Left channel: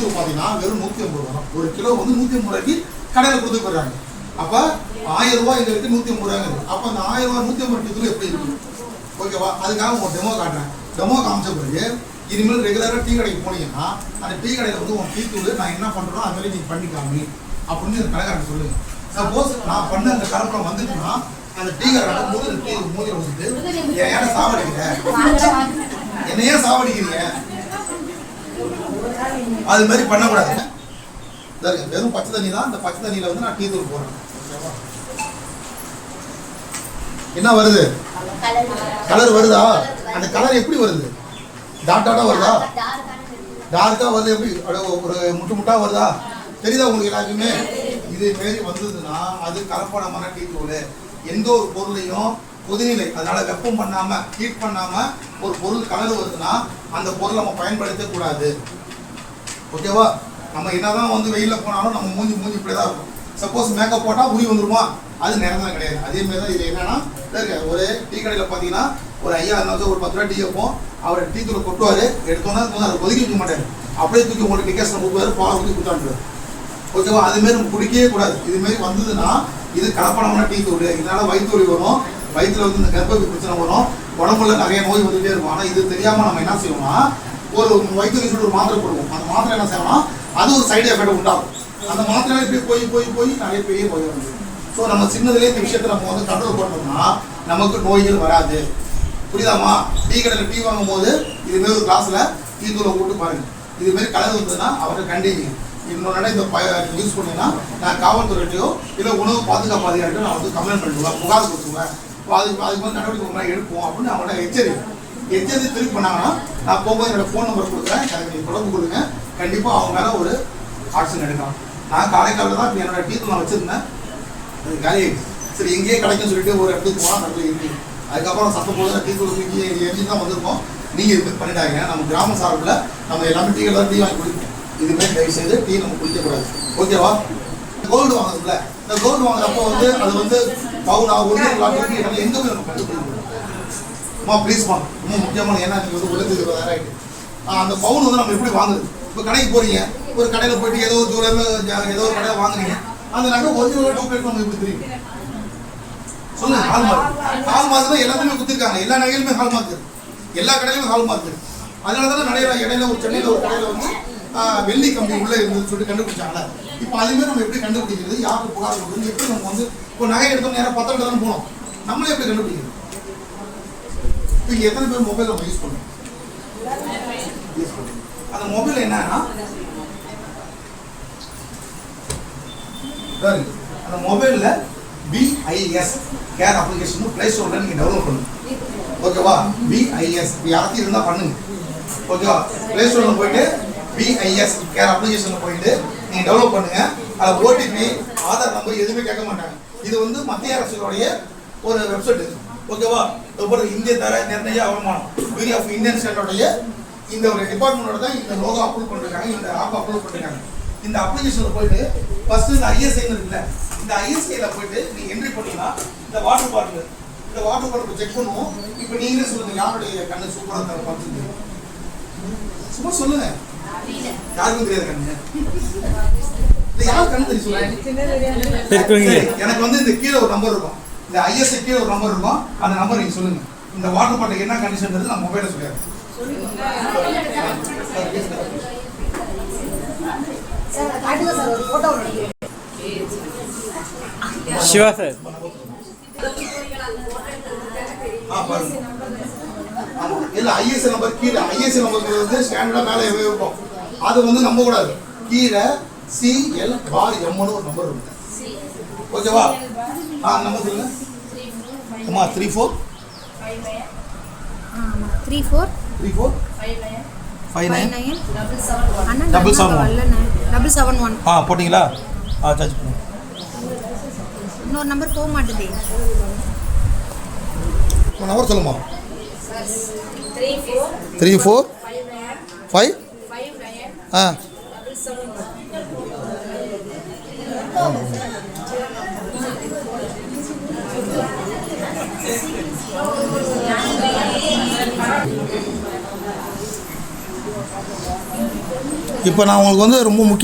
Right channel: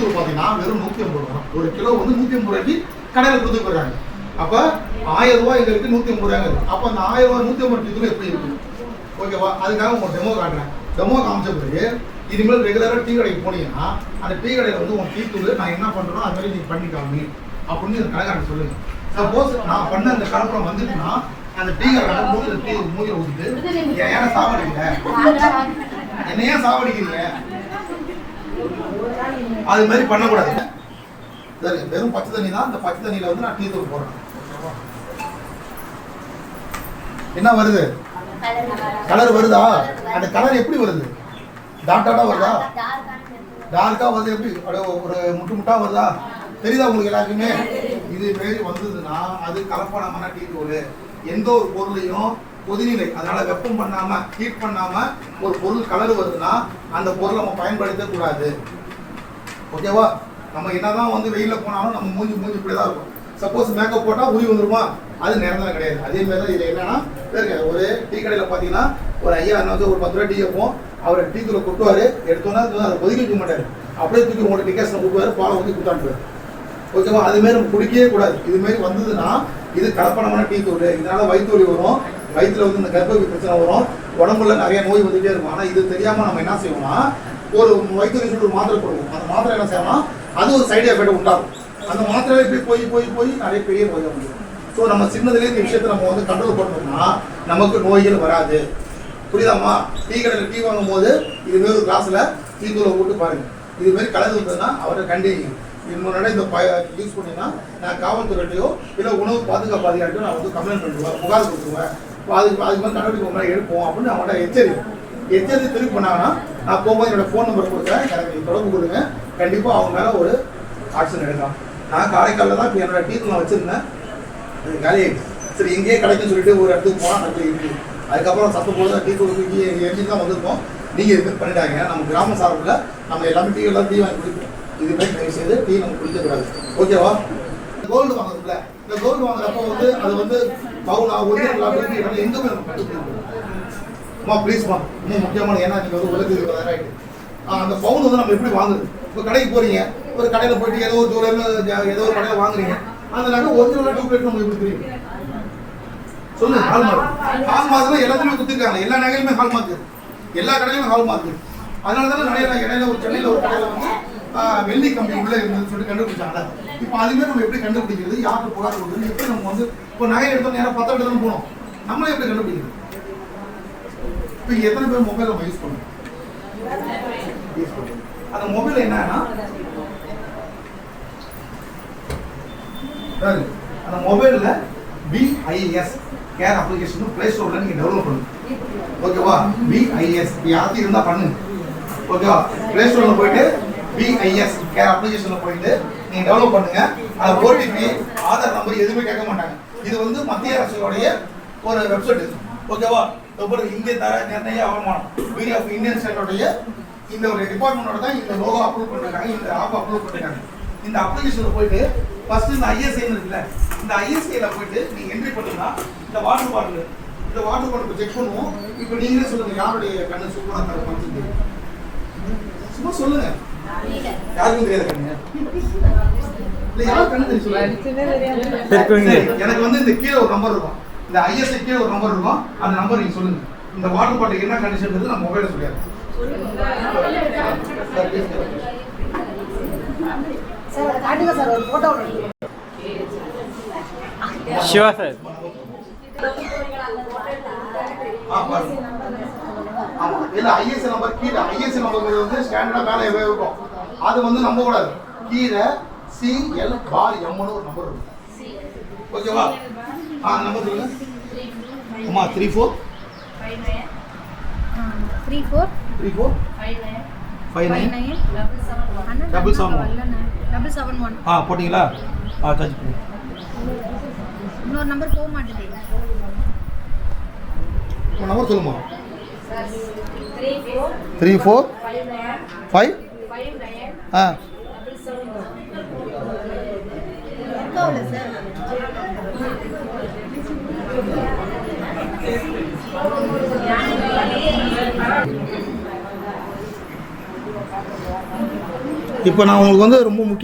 தூள் பார்த்தீங்கன்னா வெறும் 150 ரூபா. ஒரு கிலோ வந்து 150 ரூபாய்க்கு கடையில் கொடுத்து போடுறாங்க. அப்போ 1000 ரூபாய் எங்களுக்கு 150 ரூபாங்க. அப்போ அந்த 1000 ரூபாய் 150 டீ தூள் எப்படி இருக்கு? ஓகேவா? அதுக்காக உங்க டெமோ காட்டுறேன். டெமோ காமிச்ச பிறகு இனிமேல் ரெகுலராக டீ கடைக்கு போனீங்கன்னா அந்த டீ கடையில் வந்து உங்க டீ தூள் நான் என்ன பண்ணுறோம் அது மாதிரி நீங்கள் பண்ணிக்காமி அப்படின்னு இந்த கடைக்காரன் சொல்லுங்க. சப்போஸ் நான் பண்ண அந்த கலப்படம் வந்துட்டுன்னா அந்த டீ கடை மூஞ்சில ஊற்றிட்டு ஏன்னா சாவடிக்கிற என்னையே சாவடிக்கிறீங்க அது மாதிரி பண்ணக்கூடாது. வெறும் பச்சை தண்ணி தான். இந்த பச்சை தண்ணியில வந்து நான் டீ தூள் போடுறேன். என்ன வருது? கலர் வருதா? அந்த கலர் எப்படி வருது? டாட்டா வருதா? டார்க்கா வருது. எப்படி ஒரு முட்டா வருதா? தெரியுதா உங்களுக்கு எல்லாருக்குமே? இது மாரி வந்ததுன்னா அது கலப்படமான டீ தூள். எந்த ஒரு பொருளையும் கொதிநிலை, அதனால வெப்பம் பண்ணாம ஹீட் பண்ணாம ஒரு பொருள் கலர் வருதுன்னா அந்த பொருளை நம்ம பயன்படுத்த கூடாது. ஓகேவா? நம்ம என்னதான் வந்து வெயில போனாலும் நம்ம மூஞ்சி இப்படிதான் இருக்கும். சப்போஸ் மேக்கப் போட்டா உரி வந்துருமா? அது நேரம் கிடையாது. அதே மாதிரி தான் இது என்னன்னா ஒரு டீ கடையில் பார்த்தீங்கன்னா ஒரு ஐயா இருந்தாலும் ஒரு 10 ரூபாய் டீ வைப்போம். அவர் டீ தூளை கொட்டுவார். எடுத்தோன்னா அதை கொதிக்க வைக்க மாட்டார். அப்படியே தூக்கி உங்களுக்கு டிக்கேஷன் கொடுப்பாரு. பாலை ஊற்றி கொடுத்தாண்டு. ஓகேவா? அதுமாரி நம்ம குடிக்கவே கூடாது. இதுமாரி வந்ததுன்னா இது கலப்படமான டீ தூள். இதனால வயிற்று வலி வரும். வயிற்றுல வந்து இந்த கர்ப்பப்பை பிரச்சனை வரும். உடம்புல நிறைய நோய் வந்துகிட்டே இருக்கும். ஆனால் இது தெரியாமல் நம்ம என்ன செய்வோம்னா ஒரு வயிற்று வலி சொல்லிட்டு ஒரு மாத்திரை போடுவோம். அந்த மாத்திரை என்ன செய்யணும்? அது ஒரு சைடு எஃபெக்ட் உண்டாகும். அந்த மாத்திரை இப்படி போய் நிறைய பெரிய நோய் வந்து. ஸோ நம்ம சின்னதுலேயே இந்த விஷயத்தை நம்ம வந்து கண்ட்ரோல் பண்ணோம்னா நமக்கு நோய்கள் வராது. புரியுதாமா? டீ கடையில் டீ வாங்கும் போது இதுமாரி ஒரு கிளாஸில் டீ தூளை போட்டு பாருங்க. இதுமாரி கலர் வந்ததுன்னா அவரை கண்டிங்க. இன்னொரு இந்த யூஸ் பண்ணீங்கன்னா நான் காவல்துறையோ இல்லை உணவு பாதுகாப்பு அதிகாரிட்டோ நான் வந்து கம்ப்ளைண்ட் பண்ணிடுவேன், புகார் கொடுத்துருவேன். அதுக்கு வந்து நடவடிக்கை எடுப்போம் அப்படின்னு அவங்கள்ட்ட எச்சரிக்கை திருப்பி பண்ணாங்கன்னா நான் போகும்போது என்னோட ஃபோன் நம்பர் கொடுக்குறேன். எனக்கு தொடர்பு கொடுங்க. கண்டிப்பாக அவங்க மேலே ஒரு ஆக்ஷன் எடுக்கலாம். நான் காரைக்காலில் தான் இப்போ என்னோட டீ தூள் நான் வச்சுருந்தேன். அது காலியாகிடுச்சு. சரி எங்கேயே கிடைக்குன்னு சொல்லிட்டு ஒரு இடத்துக்கு போனால் நல்ல இருக்குது. அதுக்கப்புறம் சத்தம் போல டீ தூள் தூக்கி எரிஞ்சு தான் வந்திருக்கோம். நீங்கள் இது மாதிரி பண்ணிட்டாங்க. நம்ம கிராம சார்பில் நம்ம எல்லாமே டீ எல்லாம் டீ வாங்கி குடிப்போம். இதுமாதிரி தயவு செய்து டீ நம்ம குடிக்கக்கூடாது. ஓகேவா? கோல்டு வாங்குறதுல இந்த கோல்டு வாங்குறப்ப வந்து அது வந்து பவுனா ஒரிஜினல் எங்கே நம்ம கண்டுபிடிக்கணும். ப்ளீஸ்மா இன்னும் முக்கியமான ஏன்னா நீங்கள் வந்து உலக ஆகிட்டு அந்த பவுன் வந்து நம்ம எப்படி வாங்குது? இப்போ கடைக்கு போகிறீங்க. ஒரு கடையில் போயிட்டு ஏதோ ஒரு ஜுவல்லர் ஏதோ ஒரு கடையில் வாங்குறீங்க. அந்த நகை ஒரிஜினல் டூப்ளேட் நம்ம எப்படி தெரியும்? சொல்லுங்க. ஹால்மார்க் எல்லாத்துலேயுமே கொடுத்துருக்காங்க. எல்லா நகையிலுமே ஹால்மார்க் இருக்கு. எல்லா கடையிலுமே ஹால்மார்க் இருக்கு. அதனால தானே நிறைய இடையில ஒரு சென்னையில் ஒரு கடையில் வந்து வெள்ளி கம்பி உள்ளே இருந்ததுன்னு சொல்லிட்டு கண்டுபிடிச்சாங்க. இப்போ அதுமாதிரி நம்ம எப்படி கண்டுபிடிக்கிறது? யாருக்கு புகார் கொடுக்குறது? எப்படி நம்ம வந்து இப்போ நகை எடுத்தோம் நேரம் 10 தானே போனோம். நம்மளே எப்படி கண்டுபிடிக்கிறது? இப்போ இங்கே எத்தனை பேர் மொபைல் நம்ம யூஸ் பண்ணுவோம்? அந்த மொபைல் என்னன்னா அந்த மொபைலில் BIS கேர் அப்ளிகேஷன் பிளே ஸ்டோரில் நீங்கள் டெவலப் பண்ணுங்க. ஓகேவா? BIS யாராச்சும் இருந்தால் பண்ணுங்க. ஓகேவா? பிளே ஸ்டோரில் போயிட்டு BIS கேர் அப்ளிகேஷனில் போயிட்டு நீங்கள் டெவலப் பண்ணுங்க. அது OTP ஆதார் நம்பர் எதுவுமே கேட்க மாட்டாங்க. இது வந்து மத்திய அரசுடைய ஒரு வெப்சைட். ஓகேவா? இந்திய தர நிர்ணய அவமானம் பியூரோ ஆஃப் இந்தியன் ஸ்டேட்டோடைய இந்த ஒரு டிபார்ட்மெண்டோட தான் இந்த லோகோ அப்ரூவ் பண்ணிருக்காங்க. இந்த ஆப் அப்ரூவ் பண்ணிருக்காங்க. இந்த அப்ளிகேஷனில் போயிட்டு ஃபர்ஸ்ட் இந்த ISI இருக்குல்ல, இந்த ISIயில் போயிட்டு நீங்கள் என்ட்ரி பண்ணீங்கன்னா இந்த வாட்டர் பாட்டில் செக் பண்ணுவோம். இப்போ நீங்களே சொல்லுங்க, யாருடைய கண்ணு சூப்பராக இருந்தாலும் சும்மா சொல்லுங்க. யாருக்கும் தெரியாது கண்ணு. யாரும் கண்ணு தெரியும் சொல்லுங்க. எனக்கு வந்து இந்த கீழே ஒரு நம்பர் இருக்கும். இந்த ISI கீழே ஒரு நம்பர் இருக்கும். அந்த நம்பர் நீங்கள் சொல்லுங்க. இந்த வாட்டர் பாட்டில் என்ன கண்டிஷன் நான் மொபைலில் சொல்லிடுறேன். சிவா சார் இல்ல ISI நம்பர் கீழே ISI நம்பர் வந்து ஸ்டாண்டர்டா மேலே இருக்கும். அது வந்து நம்ப கூடாது. கீழே CL பார் M ஒரு நம்பர் இருக்கு. ஓகேவா? நம்பர் சொல்லுங்க. அம்மா 34 59 771 போட்டிங்களா? சார்ஜ் பண்ணு. இன்னொரு நம்பர் போக மாட்டேது. நம்பர் சொல்லுமா? 34 5 7 இப்போ நான் உங்களுக்கு வந்து ரொம்ப முக்கிய